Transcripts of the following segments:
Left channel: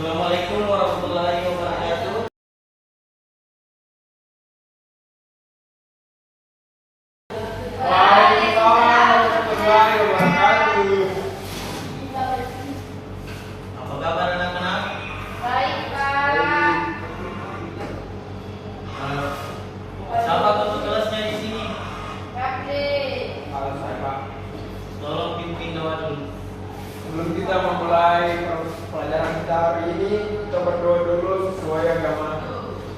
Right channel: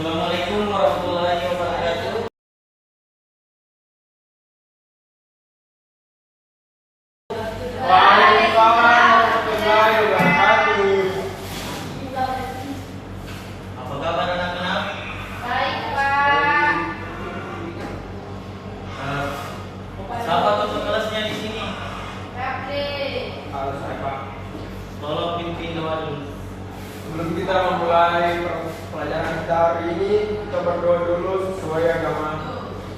Assalamualaikum warahmatullahi wabarakatuh. Waalaikumsalam warahmatullahi wabarakatuh. Apa kabar anak-anak? Baik, Pak. Siapa tutup kelasnya di sini? Kakde. Halo saya Pak. Tolong pimpin doa dulu. Sebelum kita memulai pelajaran kita hari ini, kita berdoa dulu sesuai agama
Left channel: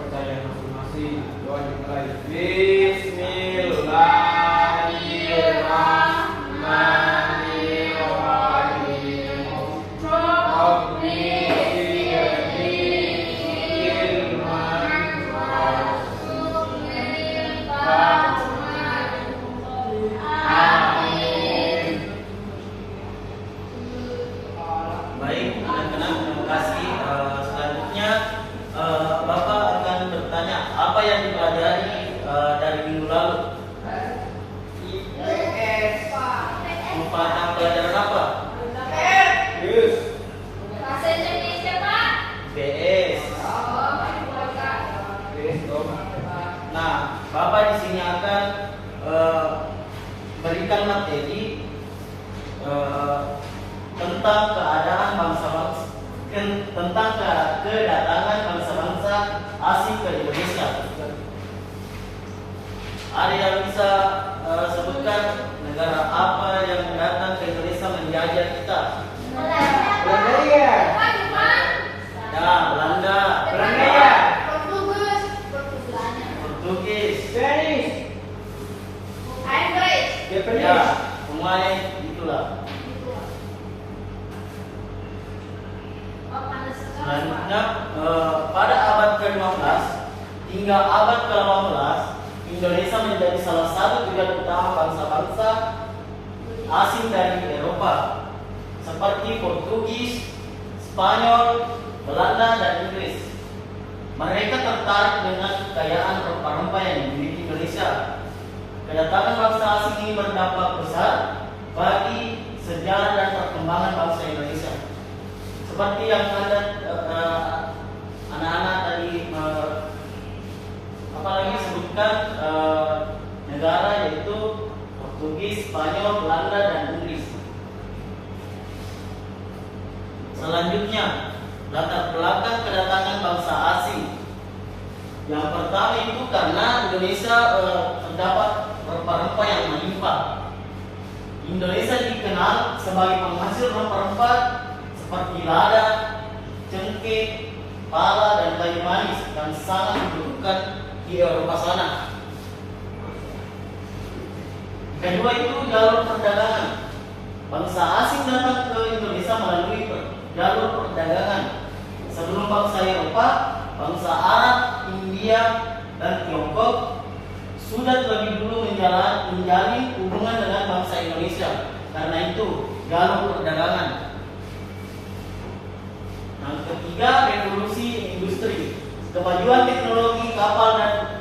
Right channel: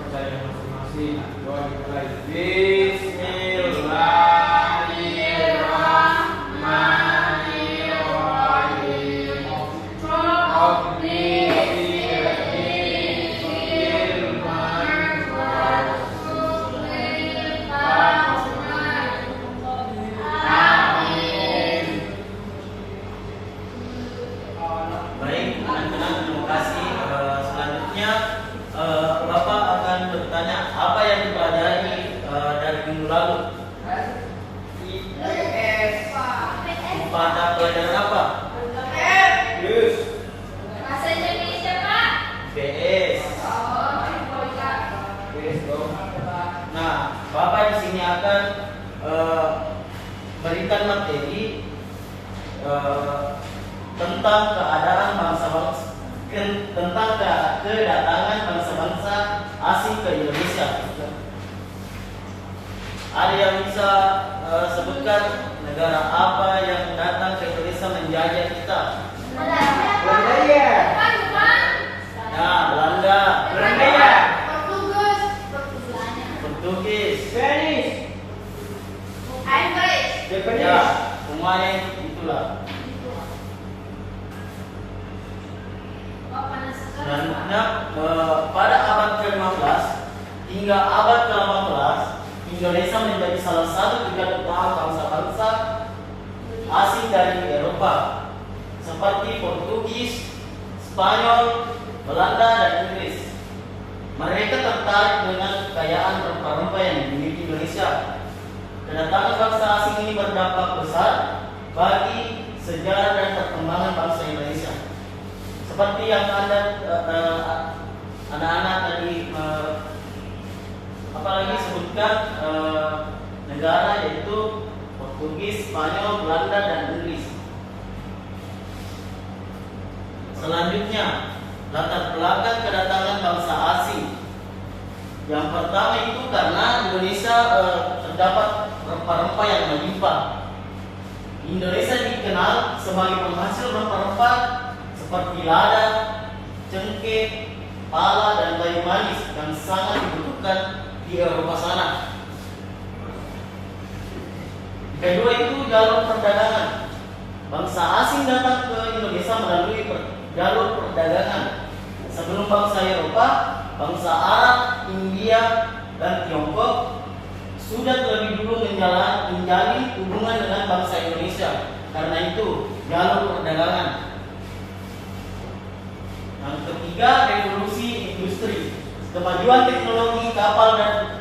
percaya masing-masing. Doa dimulai. Bismillahirrahmanirrahim. Rabbi Baik, anak-anak, terima kasih. Selanjutnya, Bapak akan bertanya apa yang dipelajari dari minggu lalu. Pada pelajaran apa? Yes. Bahasa Indonesia, Pak. BS. Yes, dong. Nah, Bapak di sini akan berikan materi tentang keadaan bangsa-bangsa, tentang kedatangan bangsa-bangsa asing ke Indonesia. Ada yang bisa sebutkan negara apa yang datang ke Indonesia menjajah kita? Belanda ya. Nah, Belanda, Belanda ya. Portugis, Spanish. Japanese. ya, semuanya itulah. Selanjutnya, pada abad ke-15 hingga abad ke-18, Indonesia menjadi salah satu negara utama bangsa-bangsa asing dari Eropa seperti Portugis, Spanyol, Belanda, dan Inggris. Mereka tertarik dengan kekayaan rempah-rempah yang dimiliki Indonesia. Kedatangan bangsa asing ini berdampak besar bagi sejarah dan perkembangan bangsa Indonesia. Seperti yang Anda anak-anak tadi apalagi sebutkan negara yaitu Portugis, Spanyol, Belanda, dan Inggris. Selanjutnya, latar belakang kedatangan bangsa asing. Yang pertama itu karena Indonesia terdapat rempah-rempah yang melimpah. Indonesia dikenal sebagai penghasil rempah-rempah seperti lada, cengkeh, pala, dan kayu manis yang sangat dibutuhkan di Eropa sana. Kedua itu jalur perdagangan. Bangsa asing datang ke Indonesia melalui jalur perdagangan. Sebelum bangsa Eropa, bangsa Arab, India, dan Tiongkok sudah lebih dulu menjalin hubungan dengan bangsa Indonesia. Karena itu, jalur perdagangan. Yang ketiga, revolusi industri. Kemajuan teknologi kapal dan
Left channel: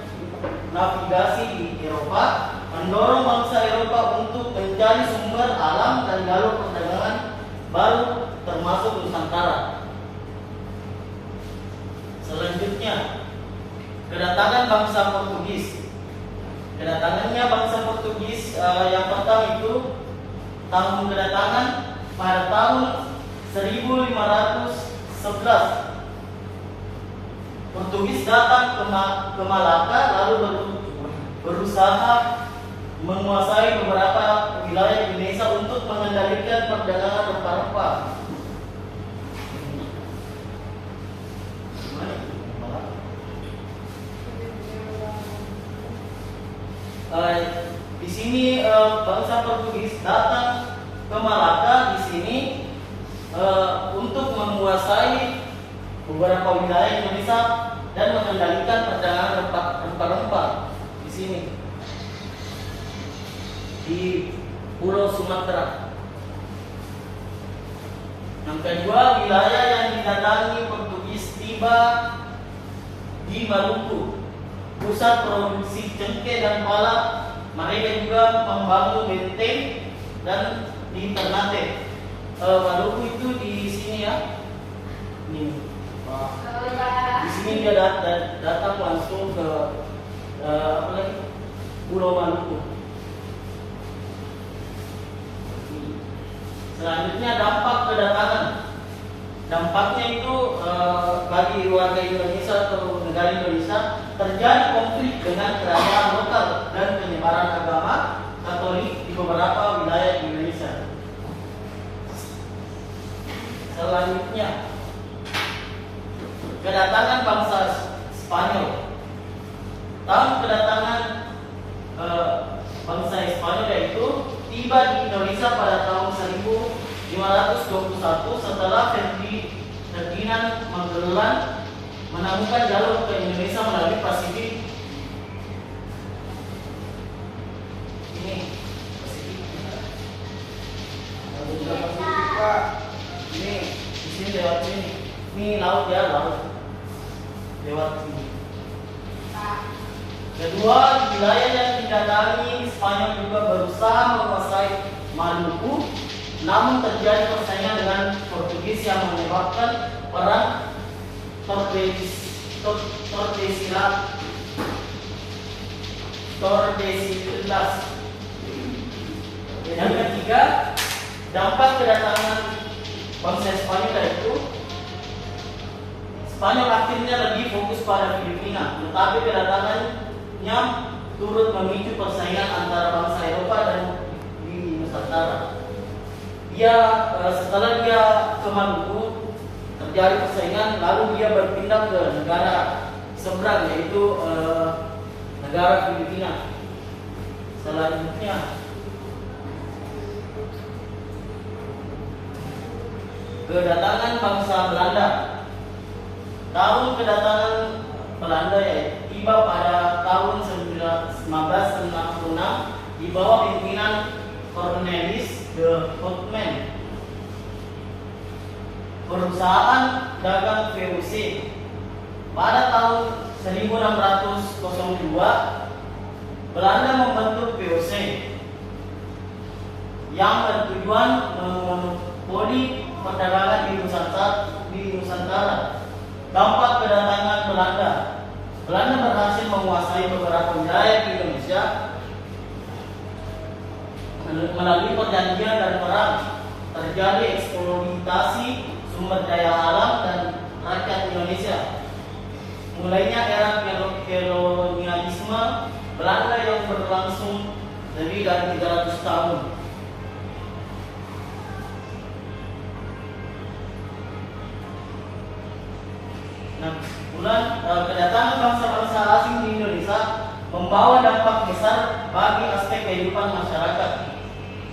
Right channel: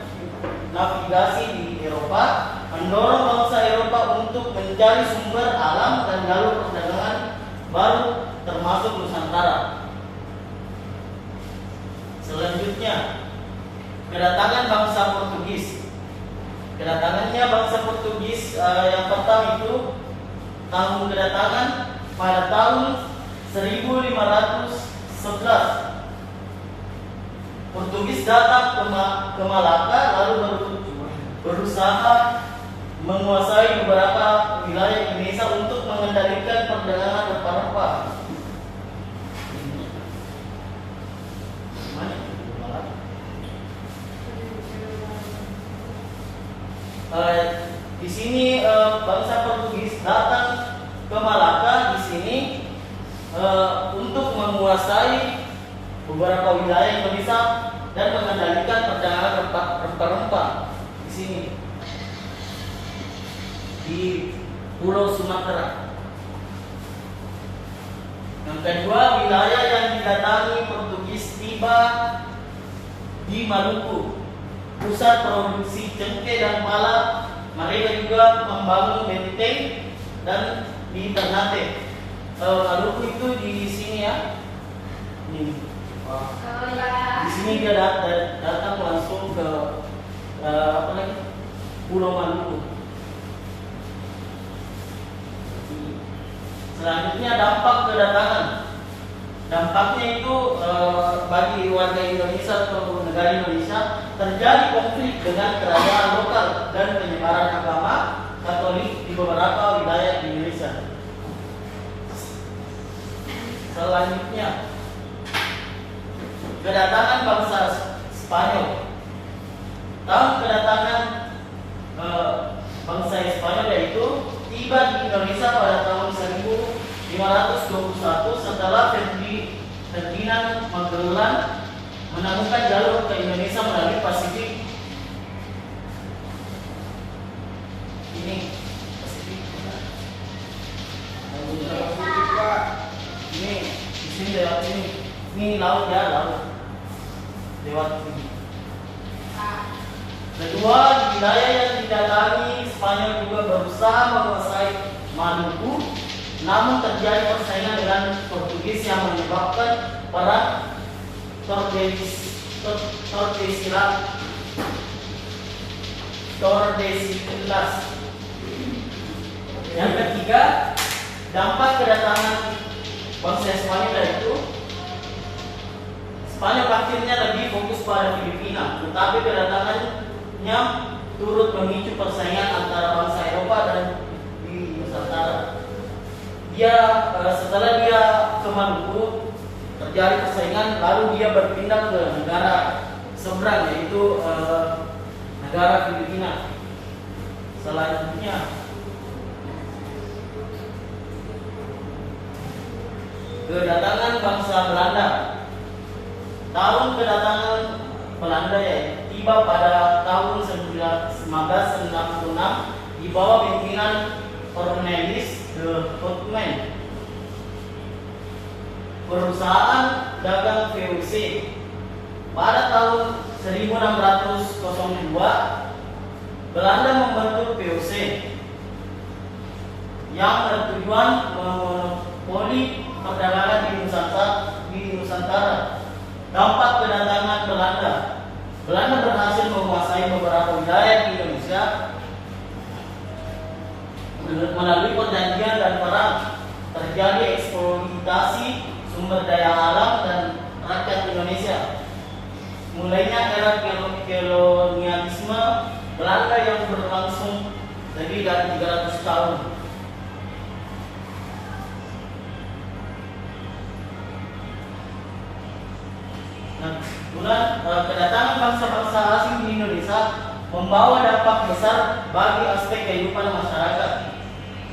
navigasi di Eropa mendorong bangsa Eropa untuk mencari sumber alam dan jalur perdagangan baru termasuk Nusantara. Selanjutnya, kedatangan bangsa Portugis. Kedatangannya bangsa Portugis yang pertama itu tahun kedatangan pada tahun 1511. Portugis datang ke Malaka lalu berusaha menguasai beberapa wilayah Indonesia untuk mengendalikan perdagangan rempah-rempah. Di sini bangsa Portugis datang ke Malaka di sini untuk menguasai beberapa wilayah Indonesia dan mengendalikan perdagangan rempah-rempah di sini di Pulau Sumatera. Yang kedua, wilayah yang didatangi Portugis tiba di Maluku, pusat produksi cengkeh dan pala. Mereka juga membangun benteng dan di Ternate. Maluku itu di sini ya. Ini. Pulau Maluku. Selanjutnya dampak kedatangan. Dampaknya itu bagi warga Indonesia atau negara Indonesia terjadi konflik dengan kerajaan lokal dan penyebaran agama Katolik di beberapa wilayah di Indonesia. Selanjutnya kedatangan bangsa Spanyol. Tahun kedatangan bangsa Spanyol yaitu tiba di Indonesia pada tahun 1521 setelah Ferdinand Magellan menemukan jalur ke Indonesia melalui Pasifik. Ini Pasifik. Ini di sini lewat sini. Ini laut ya, laut. Lewat sini. Kedua, wilayah yang didatangi Spanyol juga berusaha menguasai Maluku, namun terjadi persaingan dengan Portugis yang menyebabkan perang Tordesillas. Yang ketiga, dampak kedatangan bangsa Spanyol yaitu Spanyol akhirnya lebih fokus pada Filipina, tetapi kedatangannya turut memicu persaingan antara bangsa Eropa dan di Nusantara. Setelah dia ke Maluku terjadi persaingan, lalu dia berpindah ke negara seberang yaitu negara Filipina. Selanjutnya kedatangan bangsa Belanda. Tahun kedatangan Belanda yaitu tiba pada tahun 1966 di bawah pimpinan Cornelis de Houtman. Perusahaan dagang VOC. Pada tahun 1602 Belanda membentuk VOC yang bertujuan memonopoli perdagangan di Nusantara. Dampak kedatangan Belanda berhasil menguasai beberapa wilayah di Indonesia melalui perjanjian dan perang. Terjadi eksploitasi sumber daya alam dan rakyat Indonesia. Mulainya era kolonialisme Belanda yang berlangsung lebih dari 300 tahun. Kedatangan bangsa-bangsa asing di Indonesia membawa dampak besar bagi aspek kehidupan masyarakat.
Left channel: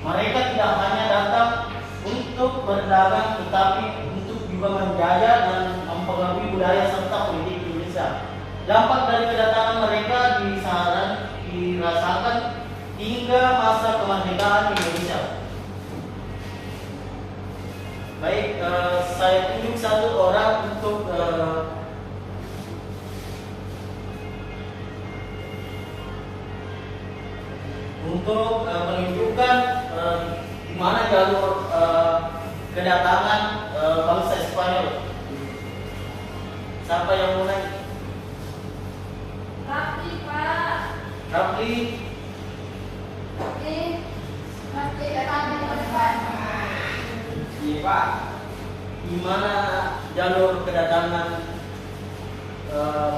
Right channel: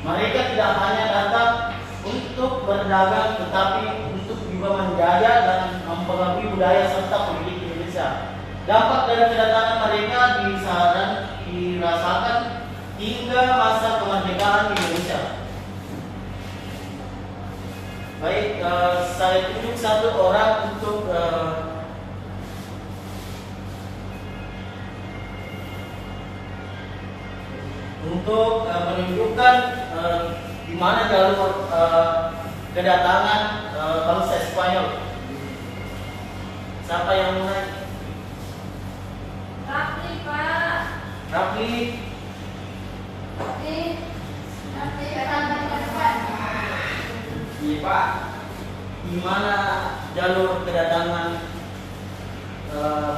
Mereka tidak hanya datang untuk berdagang, tetapi untuk juga menjaga dan mempengaruhi budaya serta politik Indonesia. Dampak dari kedatangan mereka dirasakan hingga masa kemerdekaan Indonesia. Baik, saya tunjuk satu orang untuk menunjukkan di mana jalur kedatangan bangsa Spanyol. Siapa yang mulai? Rapli, Pak. Rapli. Rapli akan ke depan. Iya Pak. Di mana jalur kedatangan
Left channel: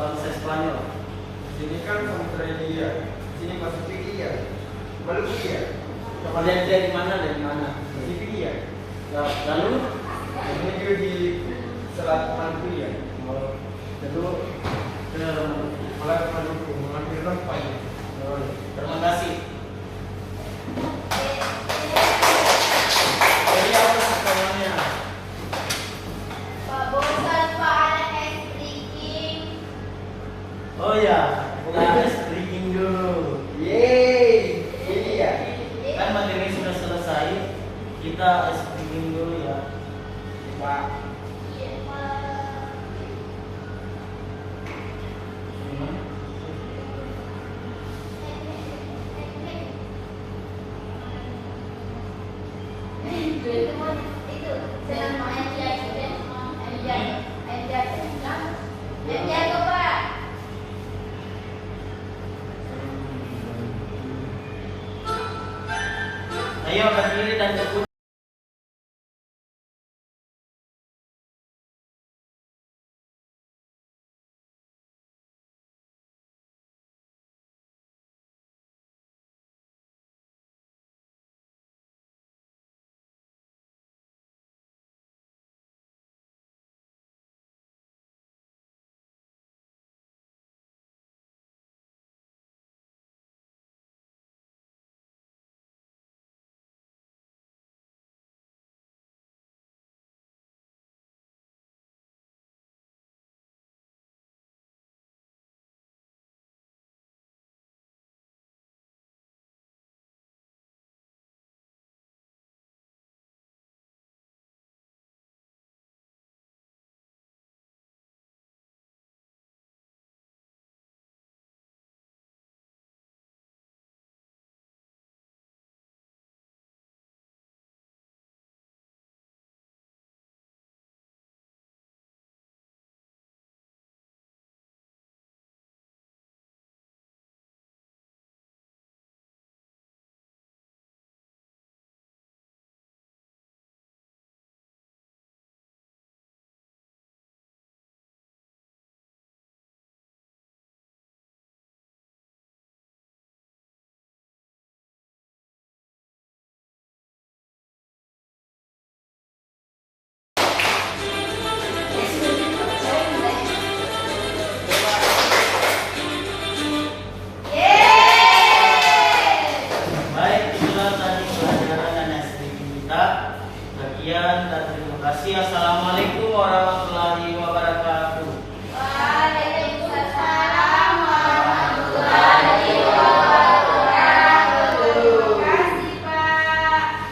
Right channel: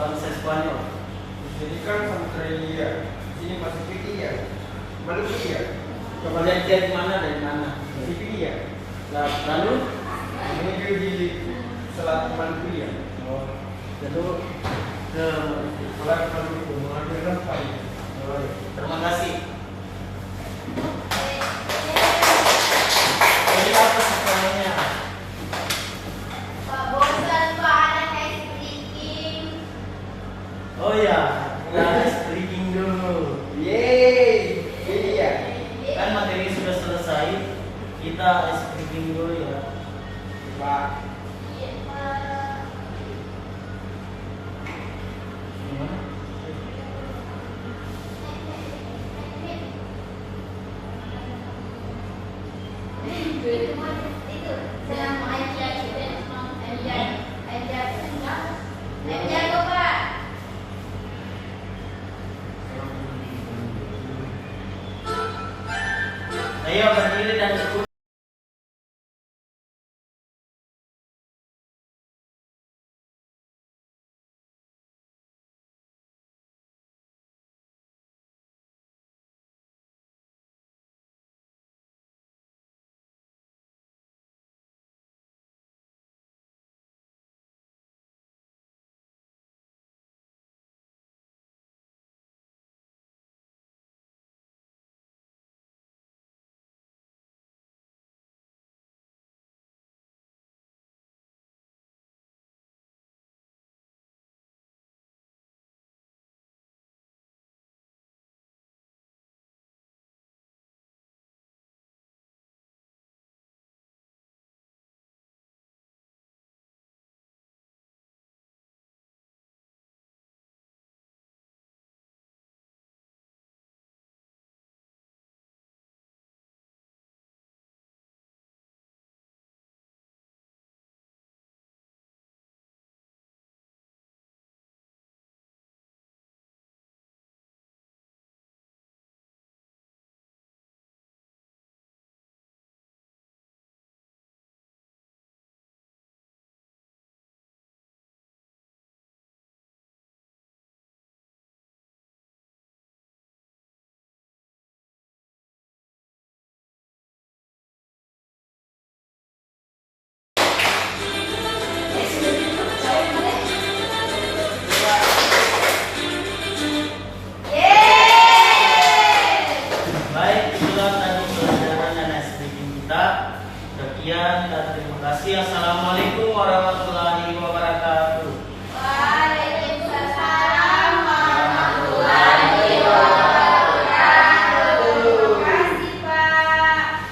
bangsa Spanyol? Sini kan Samudra India, sini Pasifik India, Maluku India. Kemudian dia di mana dari mana? Pasifik India. Lalu Menuju di Selat Maluku India. lalu ke Mulai ke Maluku, mengambil rempah. terima kasih. Jadi apa sekolahnya? Pak, bosan Pak, anak ice breaking. Oh ya, kita breaking dulu. Yeay, ini ya. Kan materi sudah selesai, kita breaking dulu ya. Pak. Iya, Pak. Gimana? Itu senang main aja Pak. Assalamualaikum warahmatullahi wabarakatuh.